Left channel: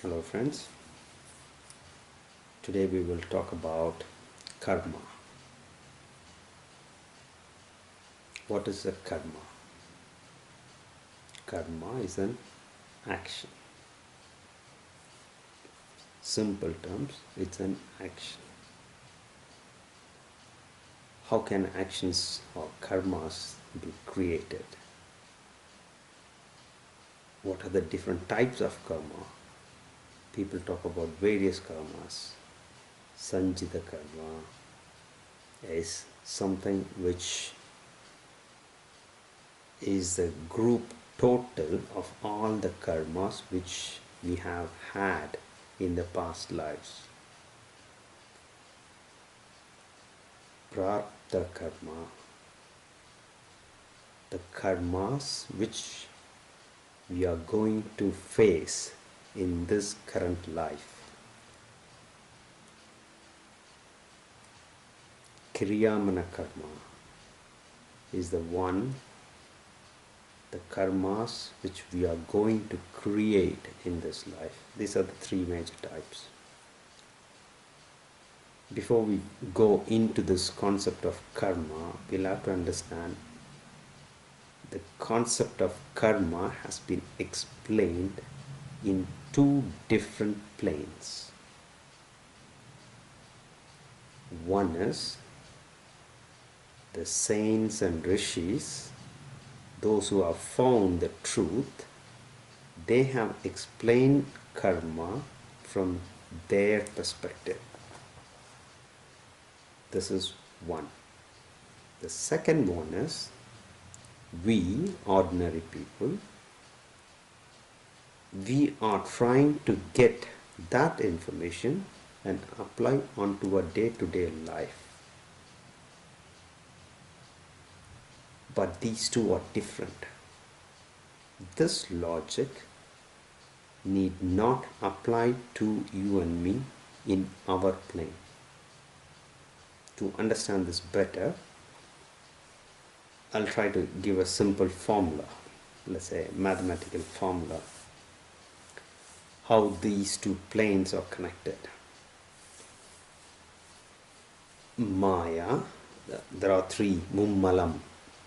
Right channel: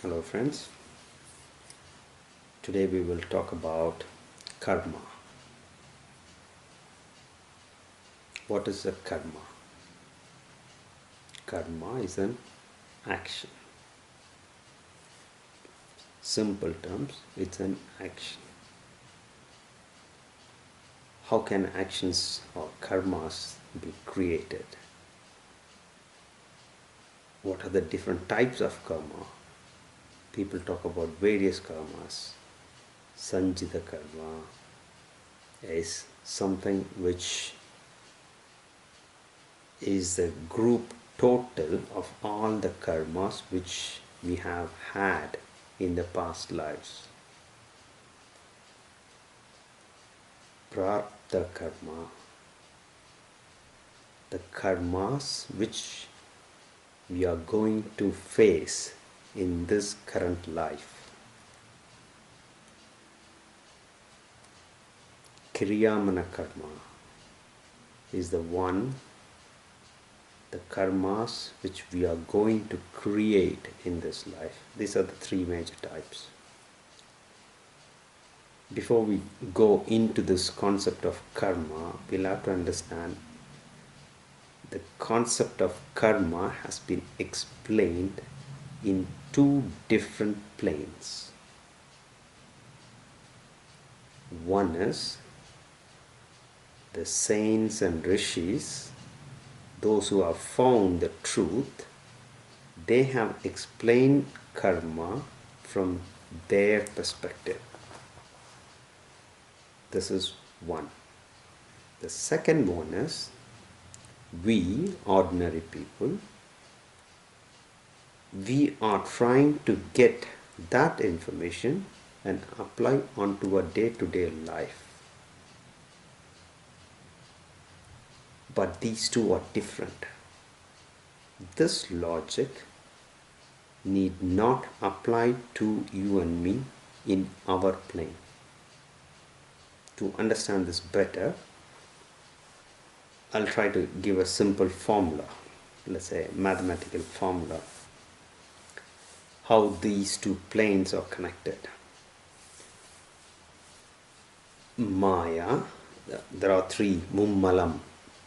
Hello friends, today we will talk about karma. What is a karma? Karma is an action. Simple terms, it's an action. How can actions or karmas be created? What are the different types of karma? People talk about various karmas. Sanjita karma is something which is the group total of all the karmas which we have had in the past lives. Prarabdha karma, the karmas which we are going to face in this current life. Kriyamana karma is the one, the karmas which we are going to create in this life. These are the three major types. Before we go into this concept of karma, we'll have to understand the concept of karma has been explained in two different planes. One is the saints and rishis, those who have found the truth, they have explained karma from their perspective. This is one. The second one is we, ordinary people, we are trying to get that information and apply onto our day-to-day life. But these two are different. This logic need not apply to you and me in our plane. To understand this better, I'll try to give a simple formula, let's say a mathematical formula, how these two planes are connected. Maya, there are three, mummalam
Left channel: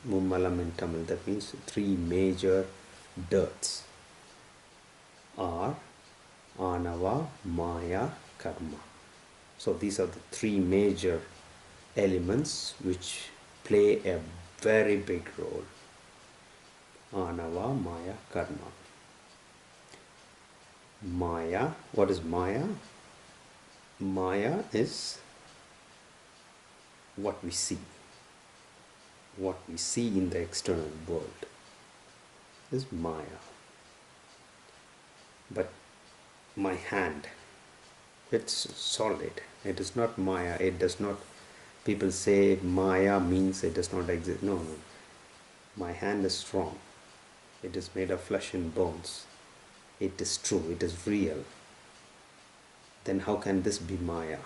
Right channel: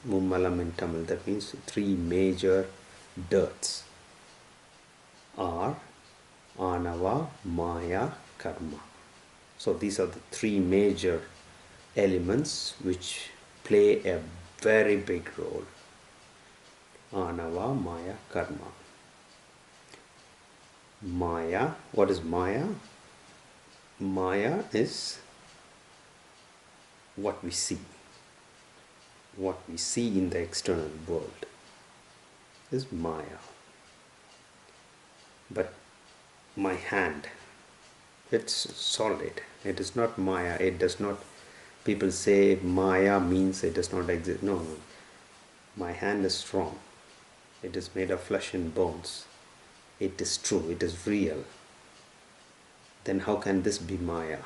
in Tamil, that means three major dirts are Anava, Maya, Karma. So these are the three major elements which play a very big role. Anava, Maya, Karma. Maya, what is Maya? Maya is what we see. What we see in the external world is Maya. But my hand, it's solid. It is not Maya. It does not, people say Maya means it does not exist. No. My hand is strong. It is made of flesh and bones. It is true. It is real. Then how can this be Maya?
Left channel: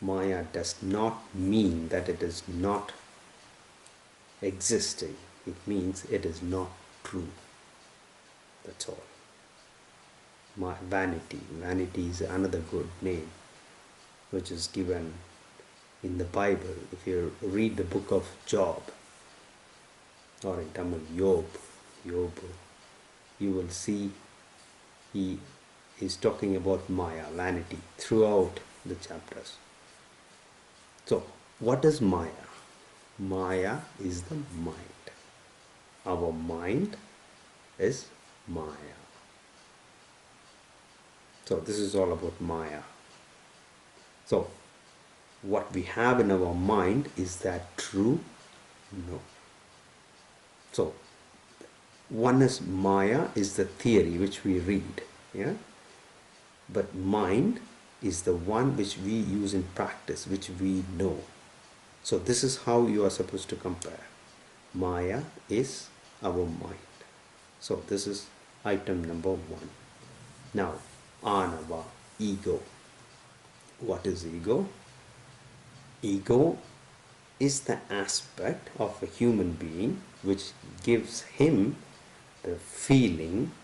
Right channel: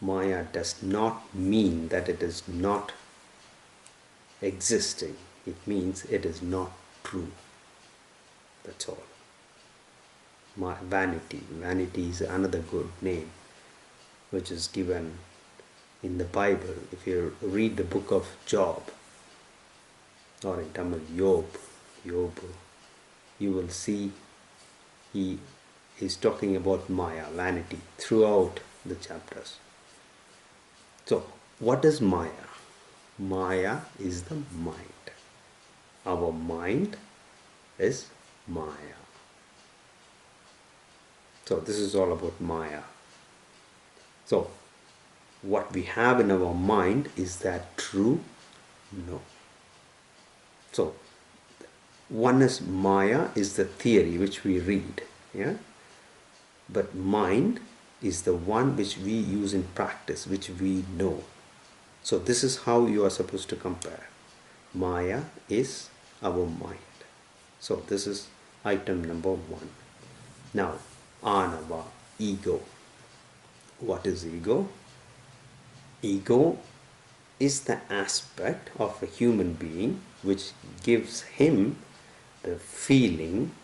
Maya does not mean that it is not existing. It means it is not true. That's all. Vanity. Vanity is another good name which is given in the Bible. If you read the book of Job, or in Tamil, Job, you will see he is talking about Maya, vanity, throughout the chapters. So, what is Maya? Maya is the mind. Our mind is Maya. So, this is all about Maya. So, what we have in our mind, is that true? No. So, one is Maya, is the theory which we read. Yeah? But mind is the one which we use in practice, which we know. So this is how you are supposed to compare. Maya is our mind. So this is item number one. Now, Anava, ego. What is ego? Ego is the aspect of a human being which gives him the feeling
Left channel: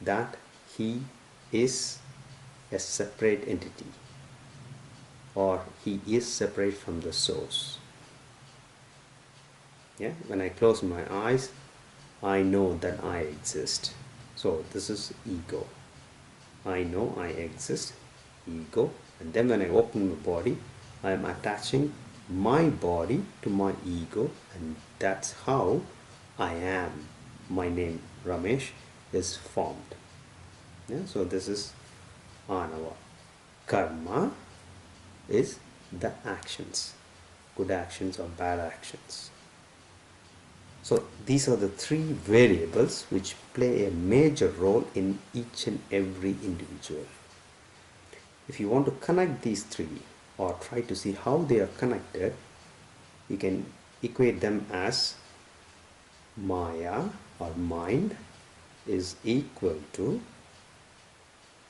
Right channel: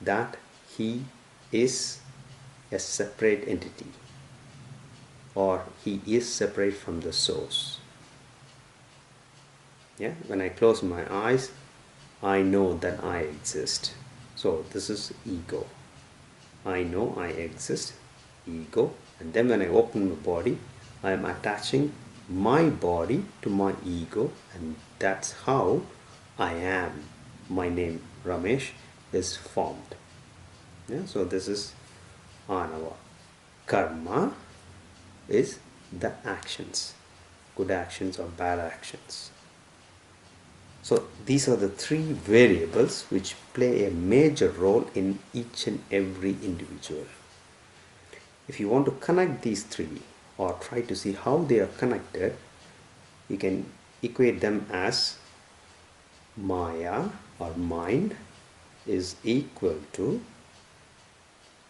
that he is a separate entity, or he is separate from the source. Yeah, when I close my eyes, I know that I exist. So this is ego. I know I exist, ego. And then when I open my body, I am attaching my body to my ego, and that's how I am. My name Ramesh is formed. Yeah, so this is anava. Karma is the actions, good actions or bad actions. So these are the three variables which play a major role in each and every individual. If you want to connect these three or try to see how they are connected, you can equate them as Maya or mind is equal to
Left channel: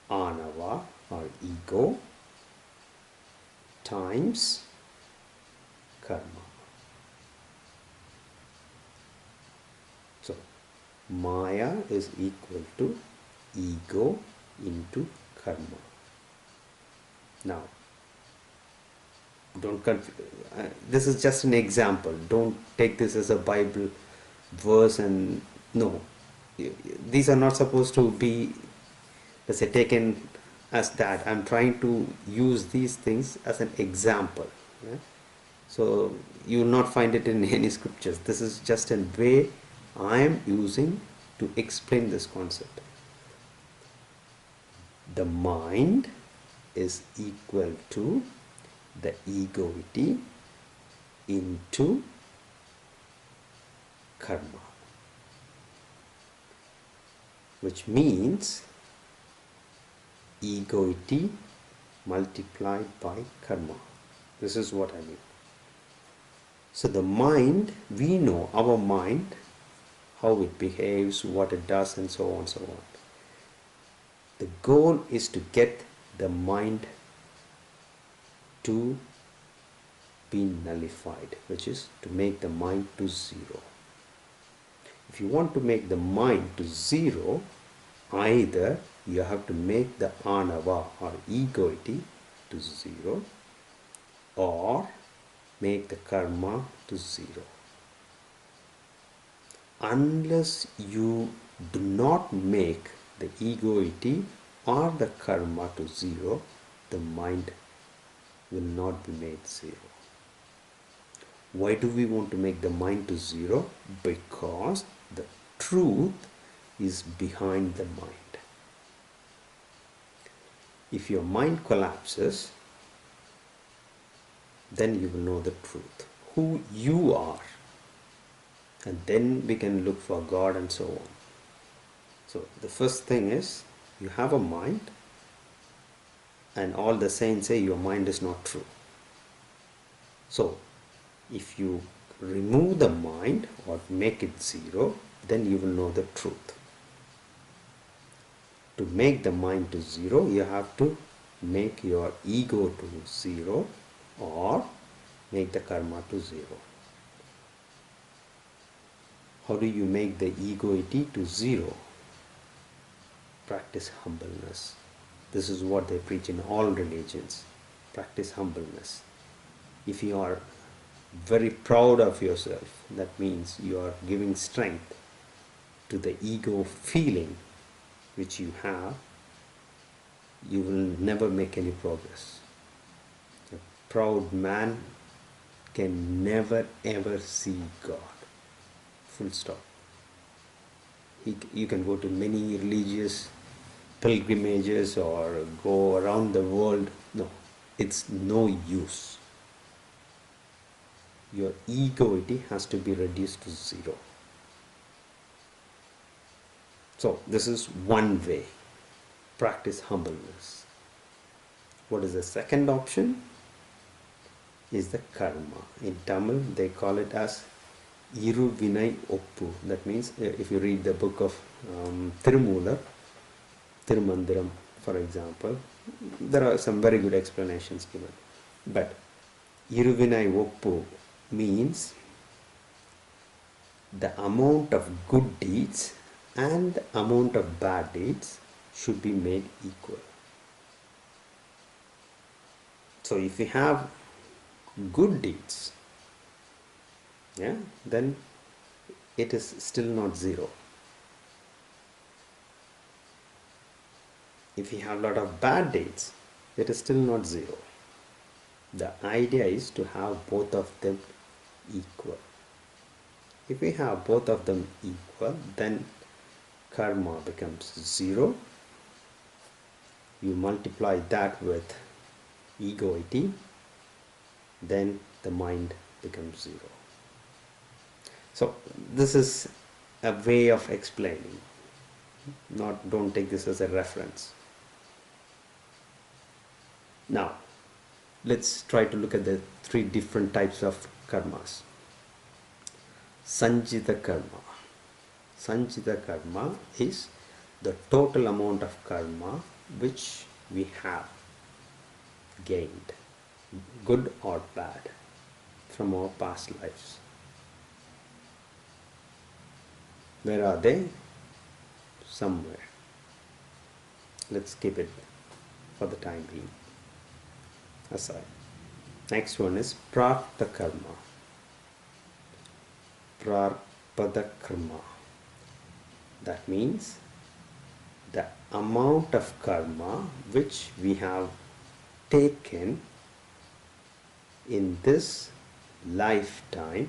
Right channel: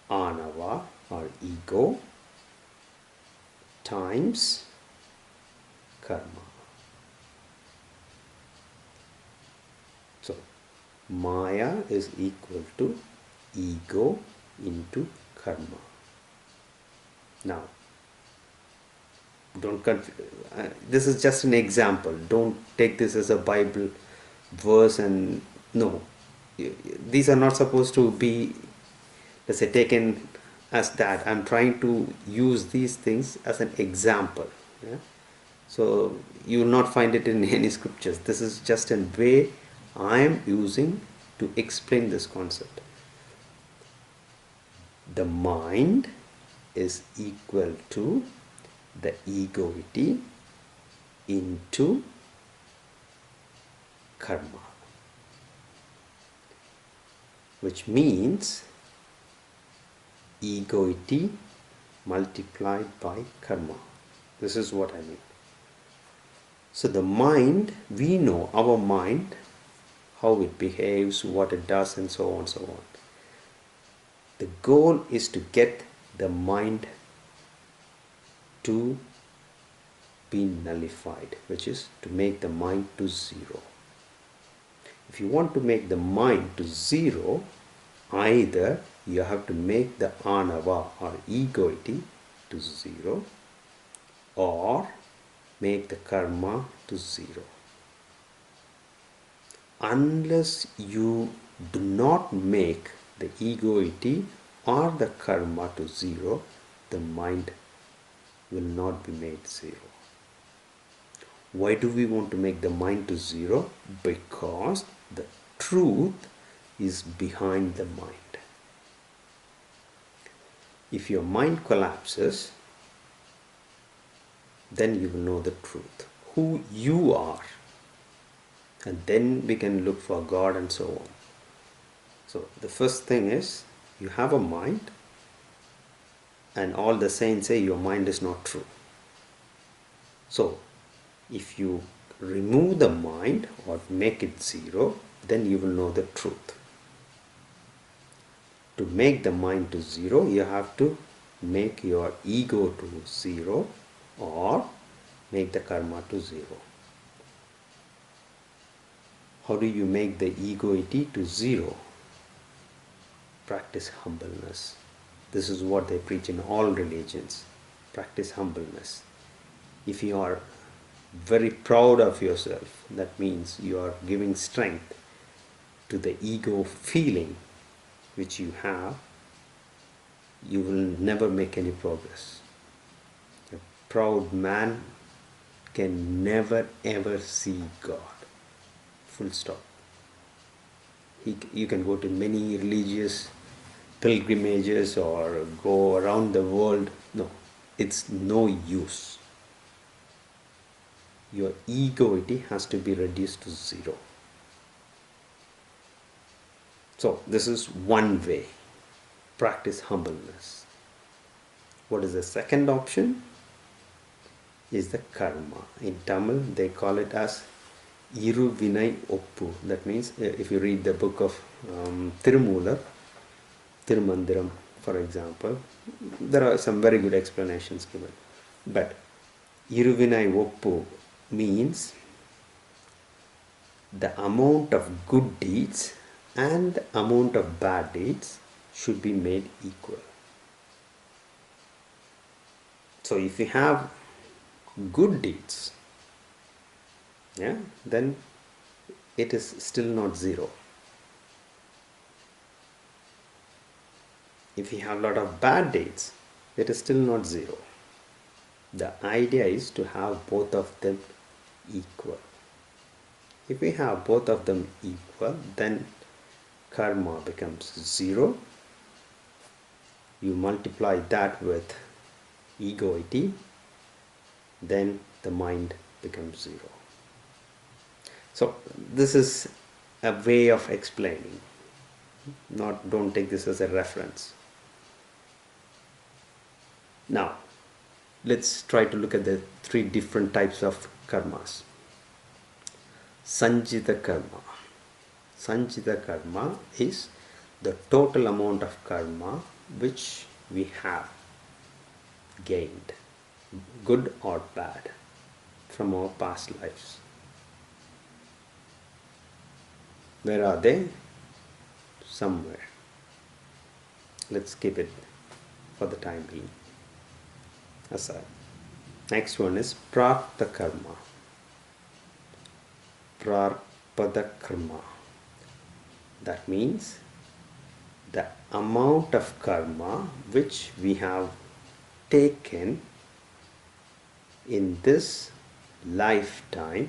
Anava or ego times karma. So Maya is equal to ego into karma. Now, don't confuse. This is just an example. Don't take this as a Bible verse, and no, these are not supposed to be, let's say, taken as that. I'm trying to use these things as an example. Yeah? So you will not find it in any scriptures. This is just a way I am using to explain this concept. The mind is equal to the egoity into karma, which means egoity multiplied by karma. This is what I mean. So the mind, we know our mind, how it behaves, what it does, and so on and so on. The goal is to get the mind to be nullified, which is to make the mind to zero. If you want to make the mind to zero, either you have to make the anava or egoity to zero, or make the karma to zero. Unless you do not make the egoity or the karma to zero, the mind will not be made zero. Why do we want to make the mind to zero? Because the truth is behind the mind. If your mind collapses, then you will know the truth, who you are. And then we can look for God and so on. So the first thing is, you have a mind, and all the saints say your mind is not true. So if you remove the mind or make it zero, then you will know the truth. To make the mind to zero, you have to make your ego to zero or make the karma to zero. How do you make the egoity to zero? Practice humbleness. This is what they preach in all religions. Practice humbleness. If you are very proud of yourself, that means you are giving strength to the ego feeling which you have, you will never make any progress. A proud man can never ever see God. Full stop. You can go to many religious pilgrimages or go around the world. No, it's no use. Your egoity has to be reduced to zero. So this is one way. Practice humbleness. What is the second option? Is the karma. In Tamil they call it as Iru Vinay Oppu. That means if you read the book of Tirumular, Tirumandiram, for example, there are some very good explanations given. But Iru Vinay Oppu means the amount of good deeds and the amount of bad deeds should be made equal. So if we have good deeds, yeah, then it is still not zero. If we have a lot of bad deeds, it is still not zero. The idea is to have both of them equal. If we have both of them equal, then karma becomes zero. You multiply that with egoity, then the mind becomes zero. So this is a way of explaining. Don't take this as a reference. Now, let's try to look at the three different types of karmas. Sanjita karma. Sanjita karma is the total amount of karma which we have gained, good or bad, from our past lives. Where are they? Somewhere. Let's keep it for the time being aside. Next one is prartha karma. Prarpada karma. That means the amount of karma which we have taken in this lifetime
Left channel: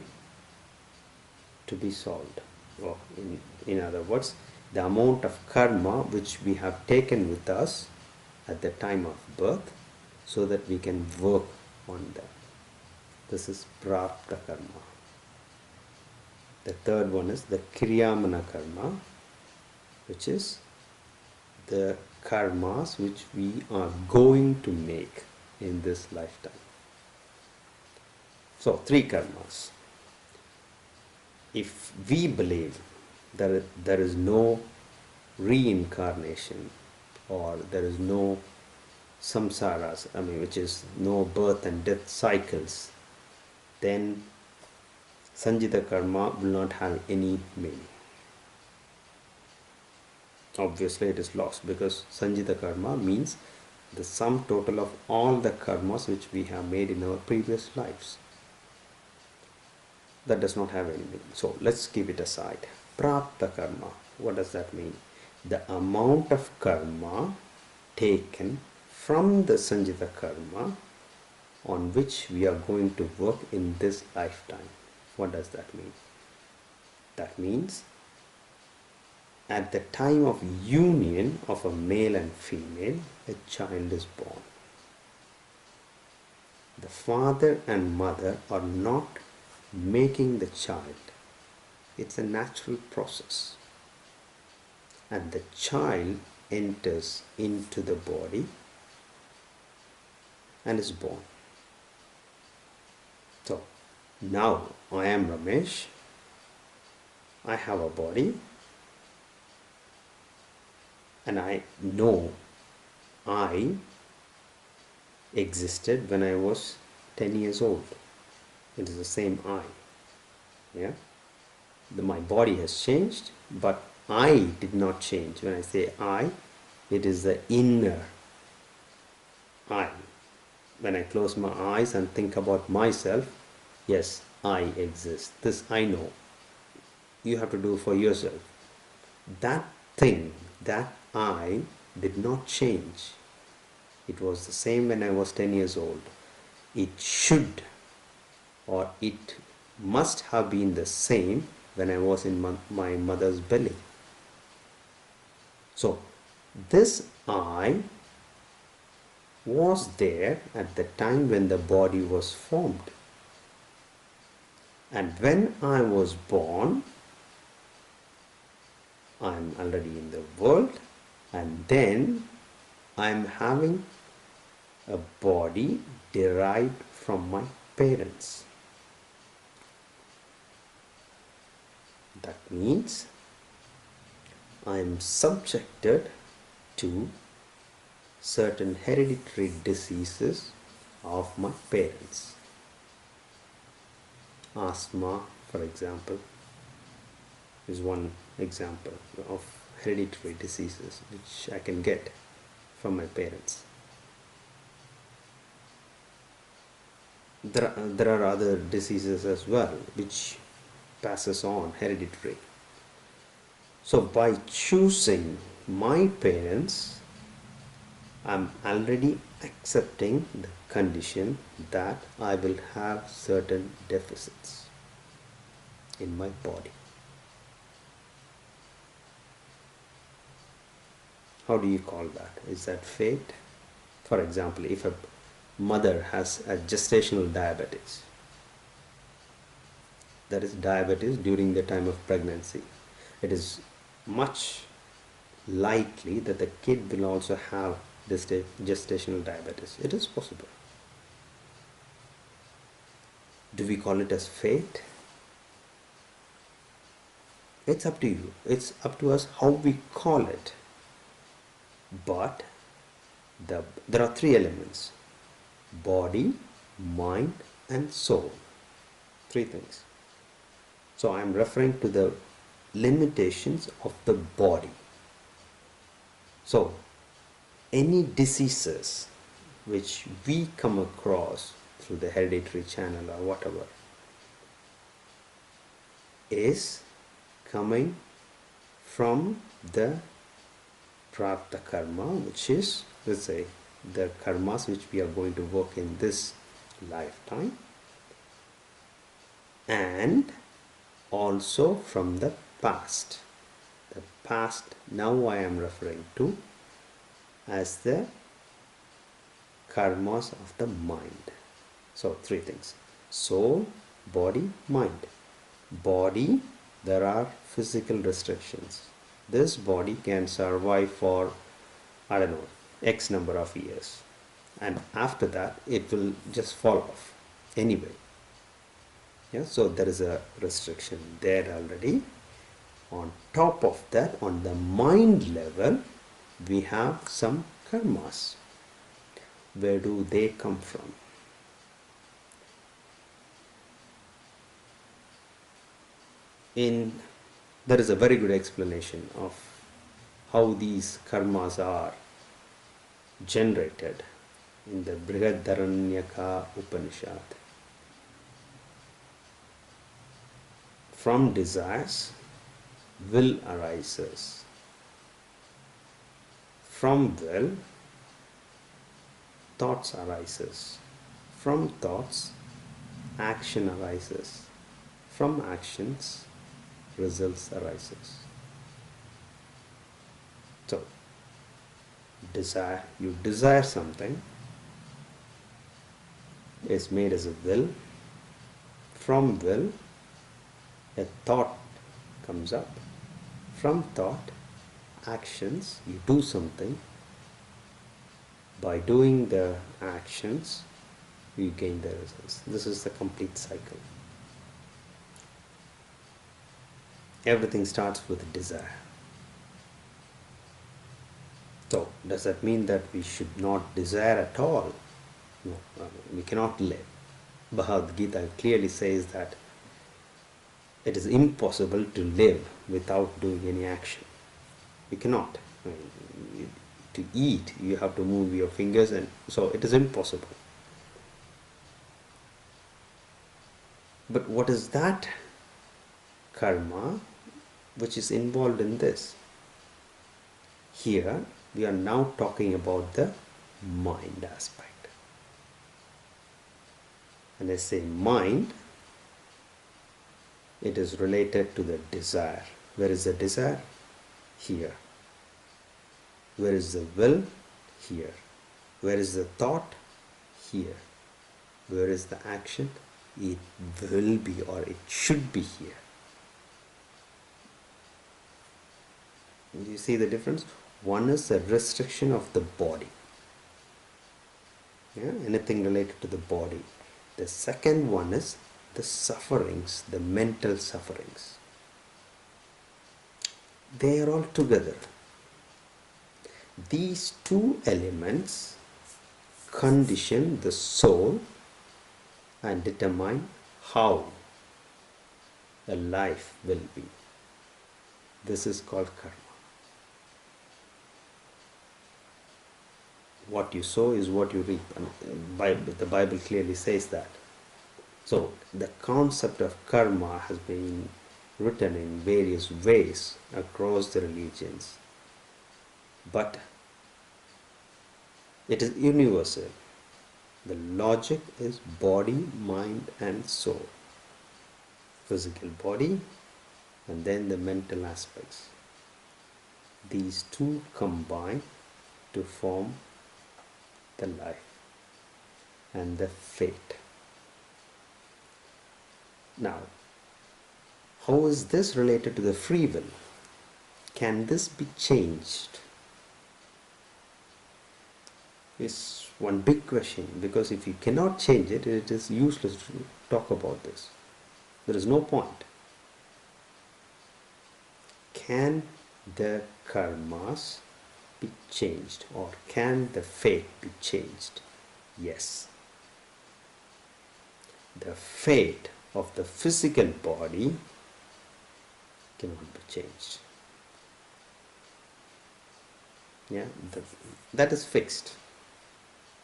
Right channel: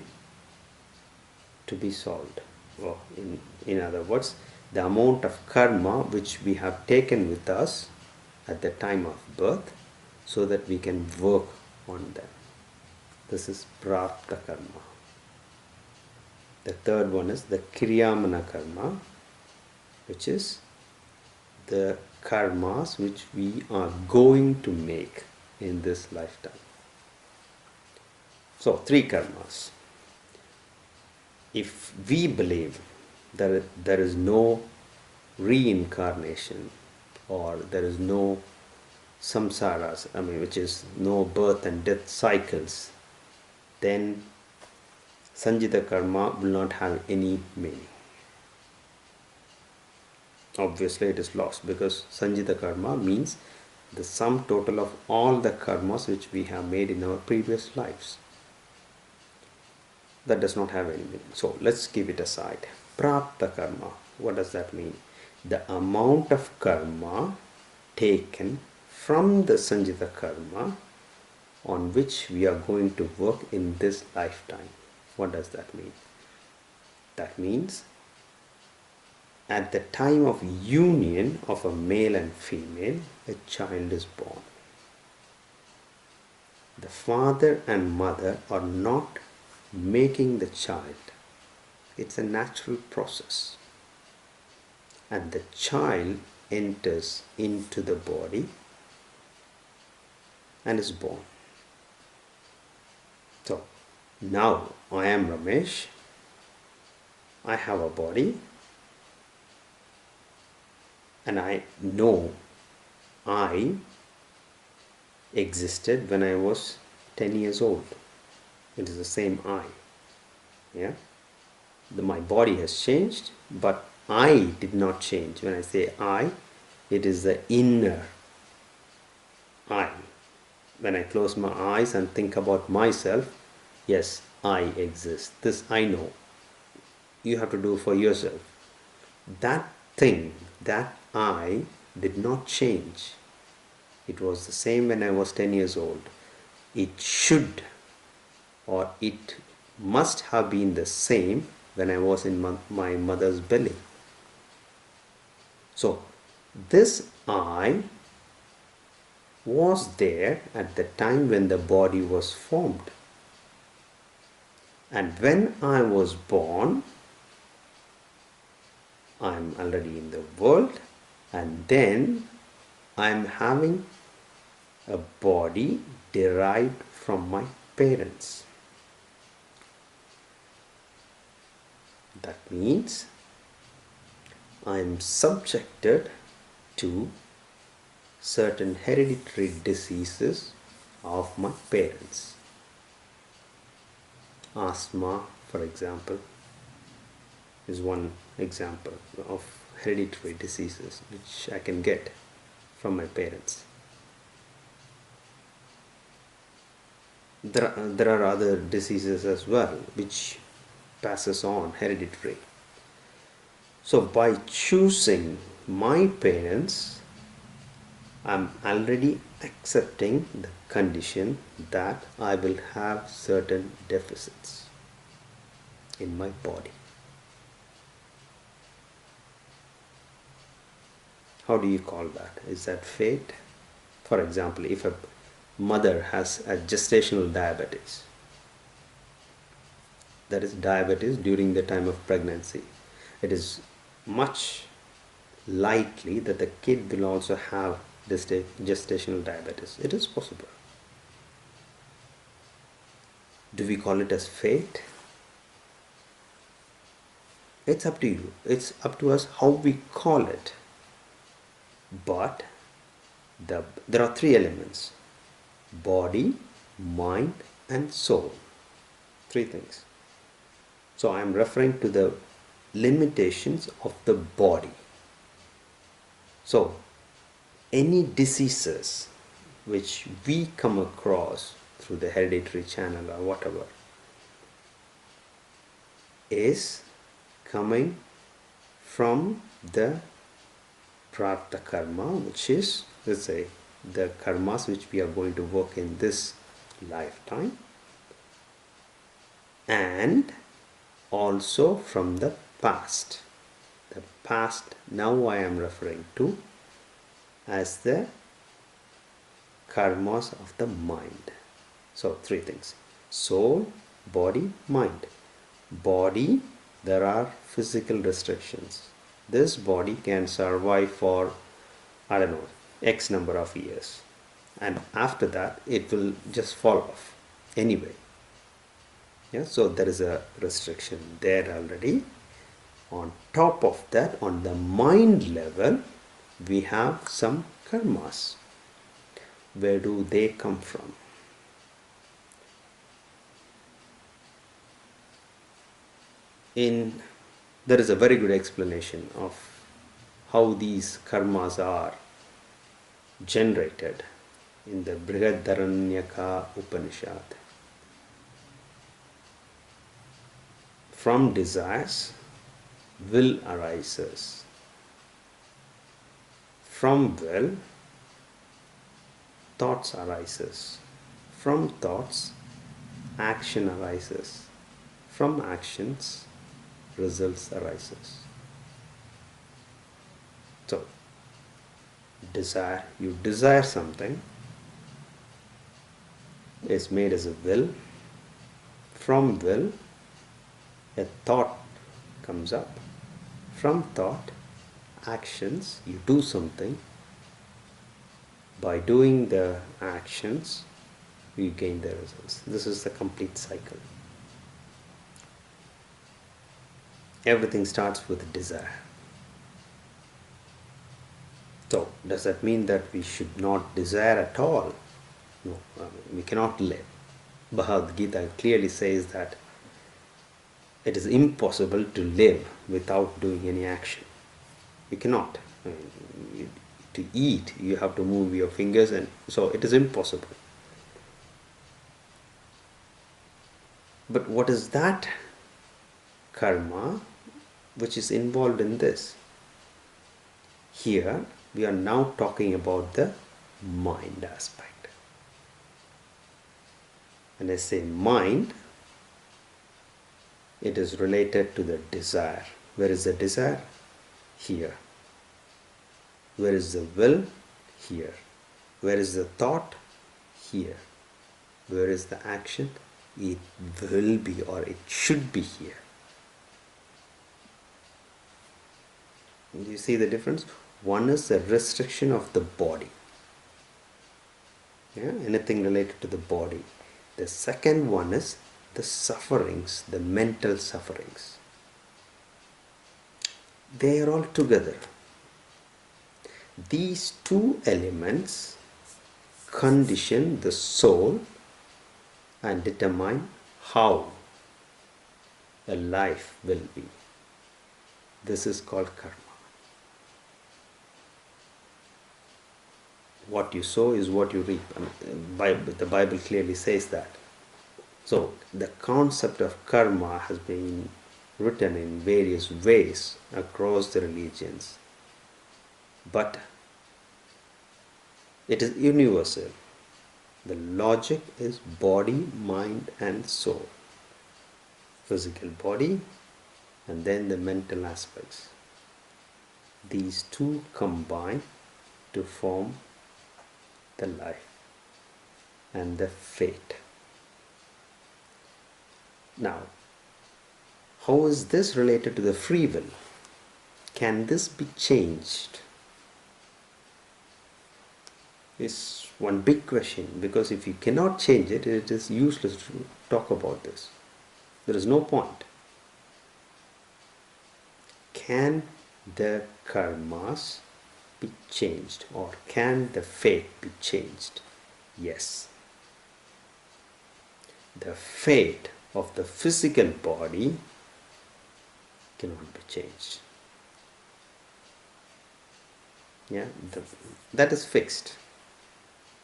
to be solved. Or in other words, the amount of karma which we have taken with us at the time of birth so that we can work on them. This is prartha karma. The third one is the kriyamana karma, which is the karmas which we are going to make in this lifetime. So, three karmas. If we believe that there is no reincarnation or there is no samsaras, which is no birth and death cycles, then Sanjita karma will not have any meaning. Obviously it is lost, because Sanjita karma means the sum total of all the karmas which we have made in our previous lives. That does not have any meaning. So let's keep it aside. Prartha karma, what does that mean? The amount of karma taken from the Sanjita karma on which we are going to work in this lifetime. What does that mean? That means at the time of union of a male and female, a child is born. The father and mother are not making the child. It's a natural process. And the child enters into the body and is born. So, now I am Ramesh. I have a body. And I know I existed when I was 10 years old. It is the same I. Yeah? My body has changed, but I did not change. When I say I, it is the inner I. When I close my eyes and think about myself, yes, I exist. This I know. You have to do for yourself. That thing, that I did not change. It was the same when I was 10 years old. It should, or it must have been the same when I was in my mother's belly. So, this I was there at the time when the body was formed. And when I was born, I am already in the world, and then I am having a body derived from my parents. That means I am subjected to certain hereditary diseases of my parents. Asthma, for example, is one example of hereditary diseases which I can get from my parents. There are other diseases as well which passes on hereditary. So by choosing my parents, I'm already accepting the condition that I will have certain deficits in my body. How do you call that? Is that fate? For example, if a mother has a gestational diabetes, that is diabetes during the time of pregnancy, it is much likely that the kid will also have gestational diabetes. It is possible. Do we call it as fate? It's up to you. It's up to us how we call it. But there are three elements: body, mind, and soul. Three things. So I am referring to the limitations of the body. So any diseases which we come across through the hereditary channel or whatever is coming from the prarabdha karma, which is, let's say, the karmas which we are going to work in this lifetime, and also from the past. The past now I am referring to as the karmas of the mind. So three things: soul, body, mind. Body, there are physical restrictions. This body can survive for, I don't know, X number of years, and after that it will just fall off anyway. Yeah, so there is a restriction there already. On top of that, on the mind level, we have some karmas. Where do they come from? There is a very good explanation of how these karmas are generated in the Brihadaranyaka Upanishad. From desires, will arises. From will, thoughts arises. From thoughts, action arises. From actions, results arises. So, desire, you desire something, is made as a will. From will, a thought comes up. From thought, actions, you do something. By doing the actions, you gain the results. This is the complete cycle. Everything starts with desire. So, does that mean that we should not desire at all? No, we cannot live. Bhagavad Gita clearly says that it is impossible to live without doing any action. You cannot. To eat, you have to move your fingers, and so it is impossible. But what is that karma which is involved in this? Here we are now talking about the mind aspect. When I say mind, it is related to the desire. Where is the desire? Here. Where is the will? Here. Where is the thought? Here. Where is the action? It will be, or it should be, here. Do you see the difference? One is the restriction of the body. Yeah, anything related to the body. The second one is the sufferings, the mental sufferings. They are all together. These two elements condition the soul and determine how a life will be. This is called karma. what you sow is what you reap. And the Bible clearly says that. So the concept of karma has been written in various ways across the religions, but it is universal. The logic is body, mind, and soul. Physical body, and then the mental aspects. These two combine to form the life and the fate. Now, how is this related to the free will? Can this be changed? Is one big question, because if you cannot change it, it is useless to talk about this. There is no point. Can the karmas be changed, or can the fate be changed? Yes. The fate of the physical body cannot be changed. Yeah, that is fixed.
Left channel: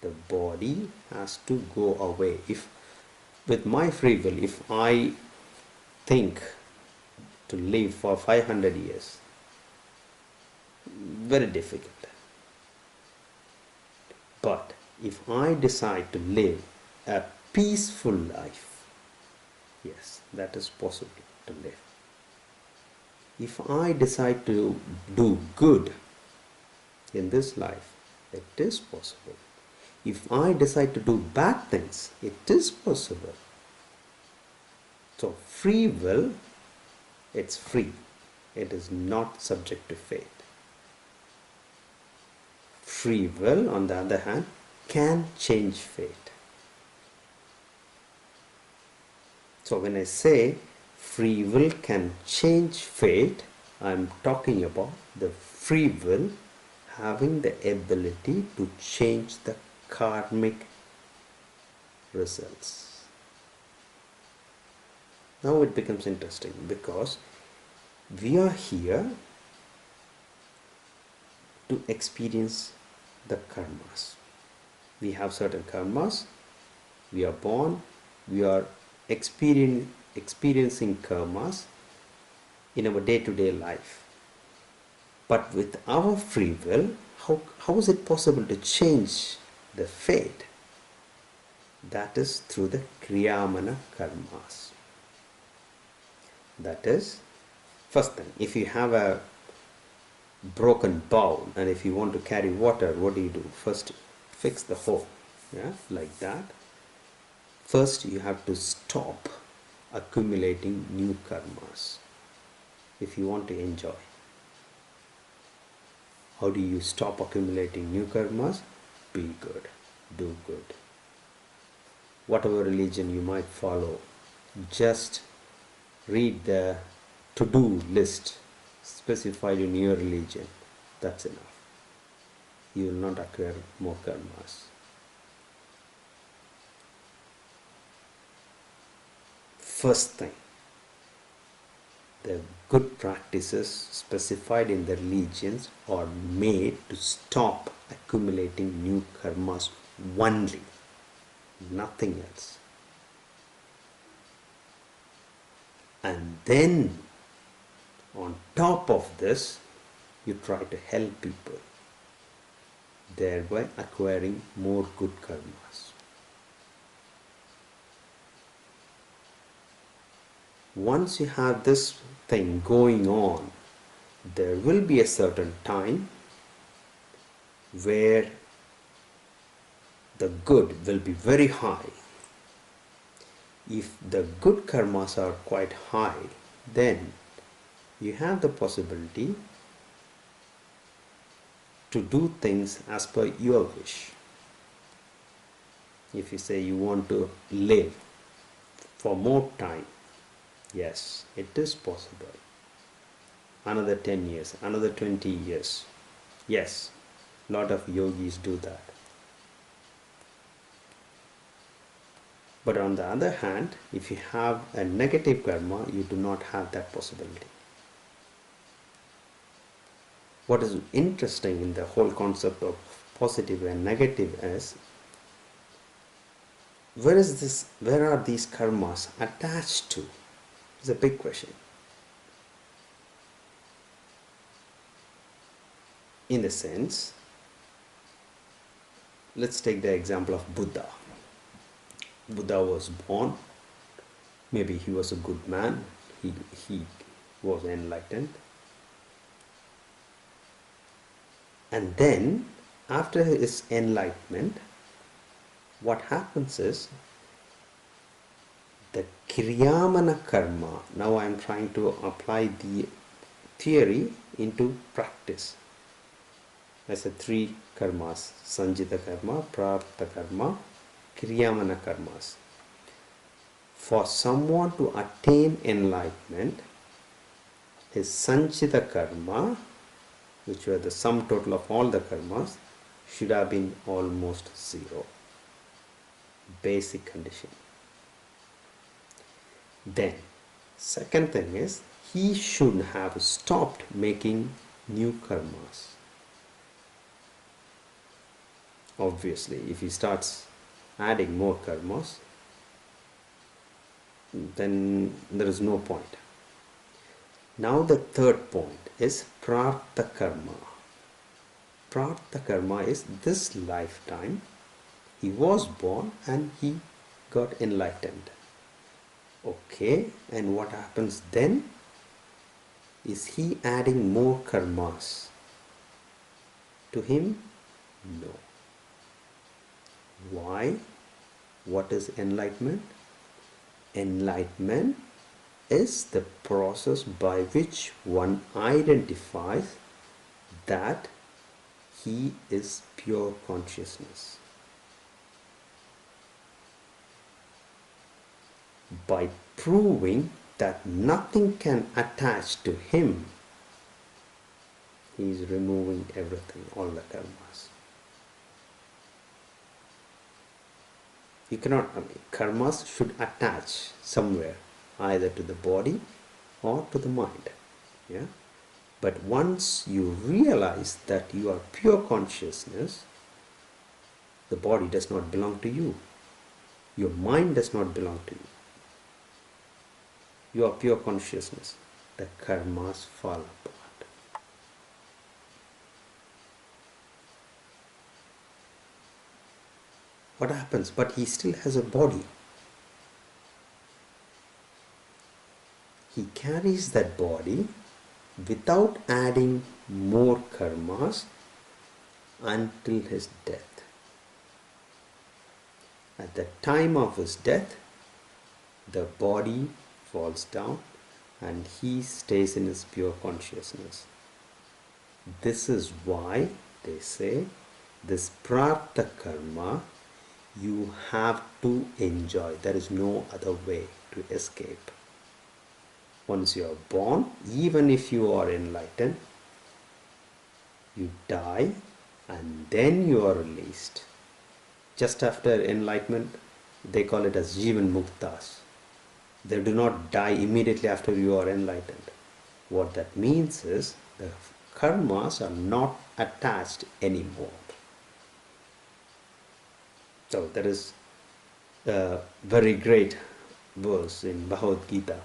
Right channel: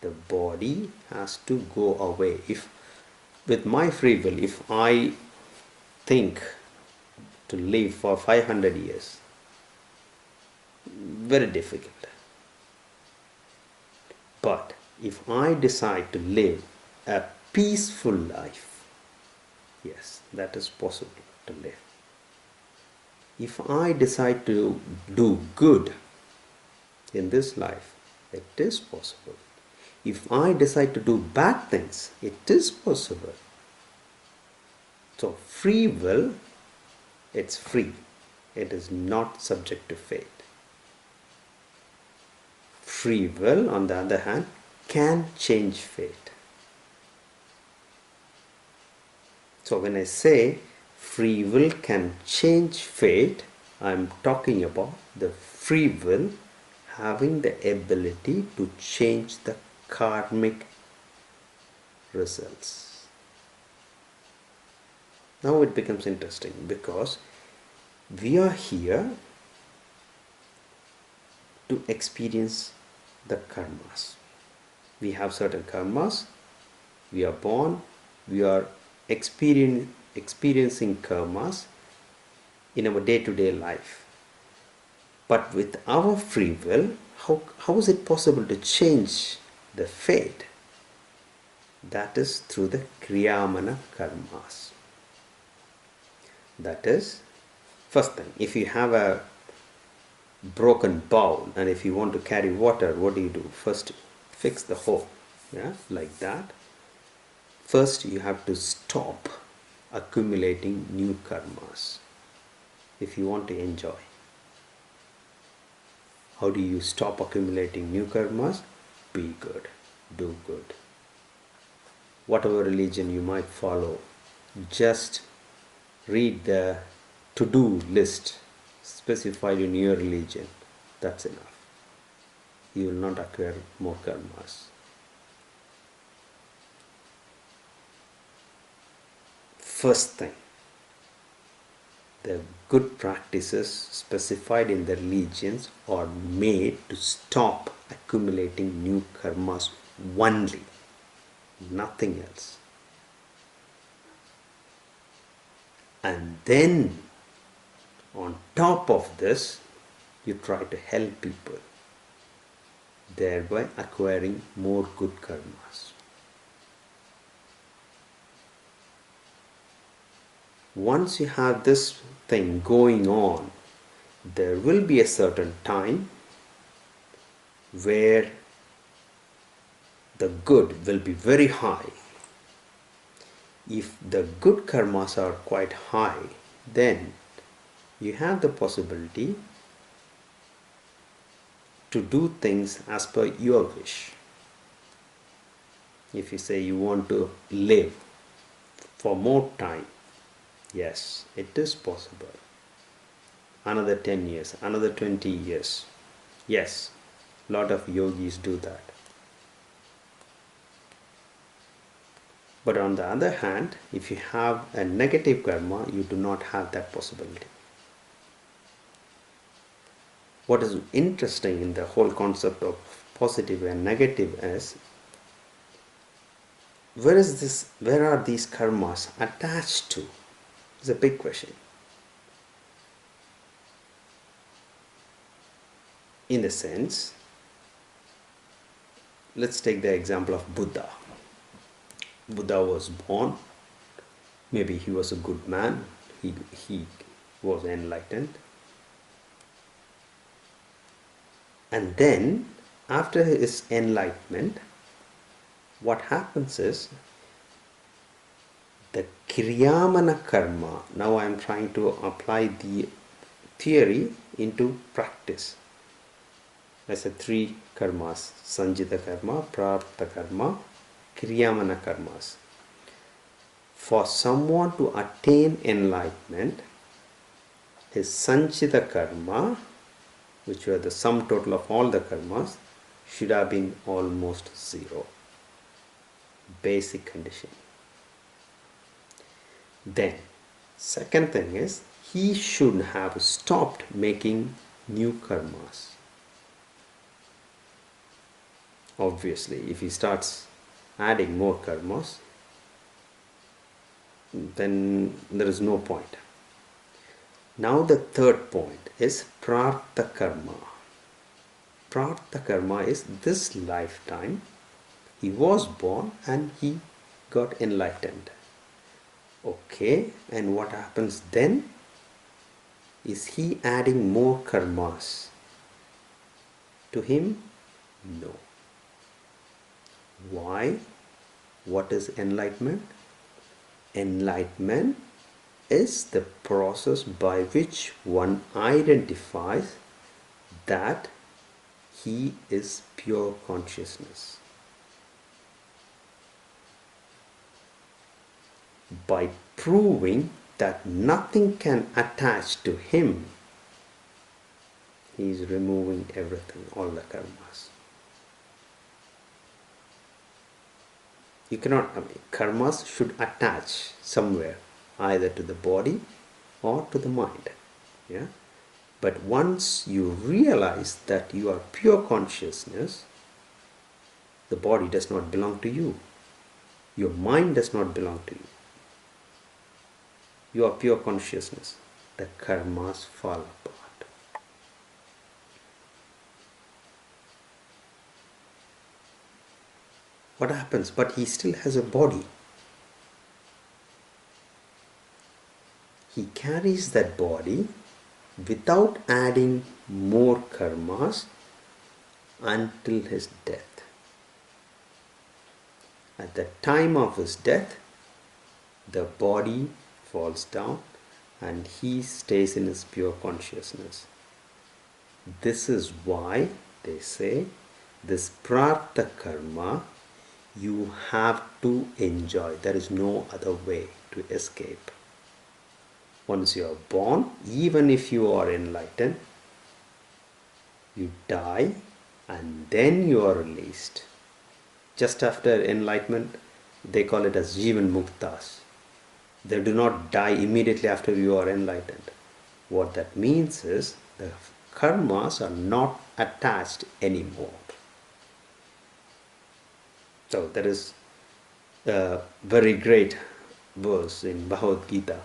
The body has to go away. If with my free will, if I think to live for 500 years, very difficult. But if I decide to live a peaceful life, yes, that is possible to live. If I decide to do good in this life, it is possible. If I decide to do bad things, it is possible. So free will, it's free. It is not subject to fate. Free will, on the other hand, can change fate. So when I say free will can change fate, I am talking about the free will having the ability to change the karmic results. Now it becomes interesting, because we are here to experience the karmas. We have certain karmas. We are born. We are experiencing karmas in our day-to-day life. But with our free will, how is it possible to change the fate? That is through the Kriyamana karmas. That is, first thing, if you have a broken bowl and if you want to carry water, what do? First, fix the hole, yeah, like that. First, you have to stop accumulating new karmas if you want to enjoy. How do you stop accumulating new karmas? Be good, do good. Whatever religion you might follow, just read the to-do list specified in your religion. That's enough. You will not acquire more karmas. First thing, the good practices specified in the religions are made to stop accumulating new karmas only, nothing else. And then on top of this, you try to help people, thereby acquiring more good karmas. Once you have this thing going on, there will be a certain time where the good will be very high. If the good karmas are quite high, then you have the possibility to do things as per your wish. If you say you want to live for more time, yes, it is possible. Another 10 years, another 20 years. Yes, a lot of yogis do that. But on the other hand, if you have a negative karma, you do not have that possibility. What is interesting in the whole concept of positive and negative is, where are these karmas attached to? It's a big question. In a sense, let's take the example of Buddha. Buddha was born, maybe he was a good man, he was enlightened. And then, after his enlightenment, what happens is, the Kriyamana karma, now I am trying to apply the theory into practice. I said three karmas: Sanjita karma, Prarabdha karma, Kriyamana karmas. For someone to attain enlightenment, his Sanjita karma, which were the sum total of all the karmas, should have been almost zero. Basic condition. Then, second thing is, he should have stopped making new karmas. Obviously, if he starts adding more karmas, then there is no point. Now the third point is Prarabdha karma. Prarabdha karma is this lifetime he was born and he got enlightened. Okay, and what happens then? Is he adding more karmas to him? No. Why? What is enlightenment? Enlightenment is the process by which one identifies that he is pure consciousness. By proving that nothing can attach to him, he is removing everything, all the karmas. You cannot, karmas should attach somewhere, either to the body or to the mind. Yeah? But once you realize that you are pure consciousness, the body does not belong to you. Your mind does not belong to you. You are pure consciousness. The karmas fall apart. What happens? But he still has a body. He carries that body without adding more karmas until his death. At the time of his death, the body falls down and he stays in his pure consciousness. This is why they say this prarabdha karma you have to enjoy. There is no other way to escape. Once you are born, even if you are enlightened, you die and then you are released. Just after enlightenment, they call it as Jivan Muktas. They do not die immediately after you are enlightened. What that means is the karmas are not attached anymore. So there is a very great verse in Bhagavad Gita.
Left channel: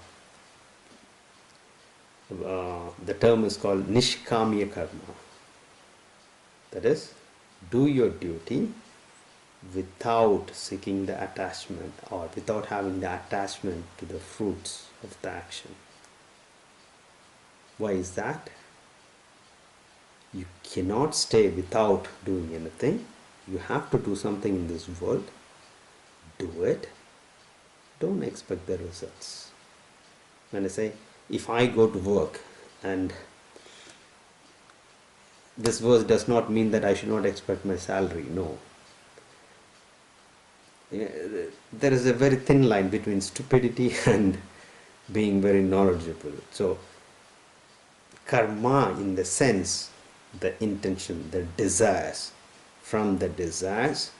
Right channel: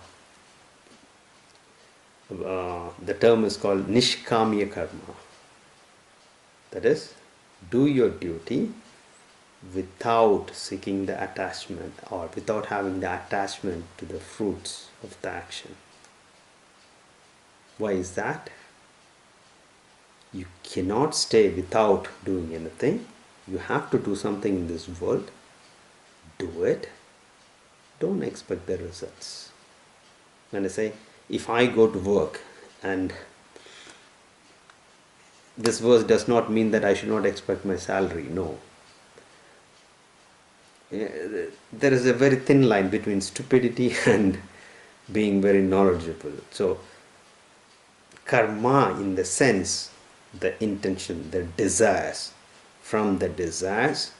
The term is called Nishkamya Karma. That is, do your duty without seeking the attachment or without having the attachment to the fruits of the action. Why is that? You cannot stay without doing anything. You have to do something in this world. Do it. Don't expect the results. When I say, if I go to work, and this verse does not mean that I should not expect my salary. No. There is a very thin line between stupidity and being very knowledgeable. So, karma in the sense, the intention, the desires. From the desires,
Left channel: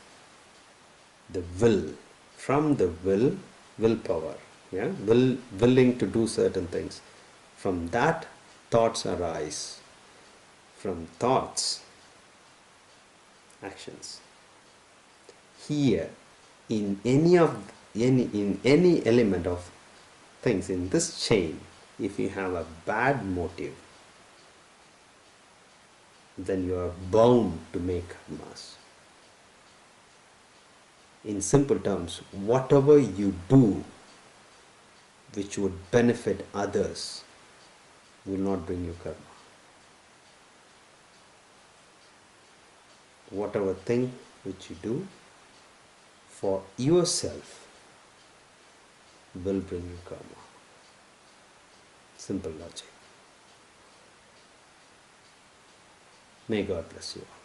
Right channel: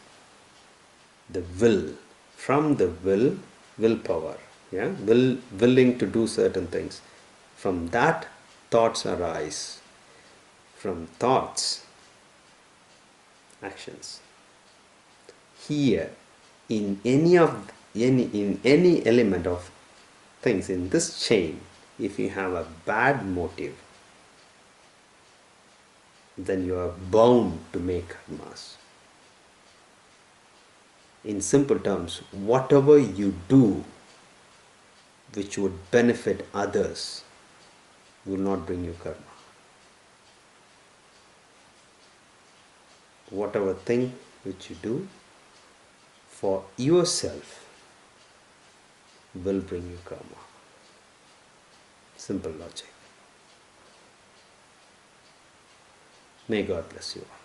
the will. From the will, willpower. Yeah? Willing to do certain things. From that, thoughts arise. From thoughts, actions. Here, in any element of things in this chain, if you have a bad motive, then you are bound to make karmas. In simple terms, whatever you do which would benefit others will not bring you karma. Whatever thing which you do for yourself will bring you karma. Simple logic. May God bless you all.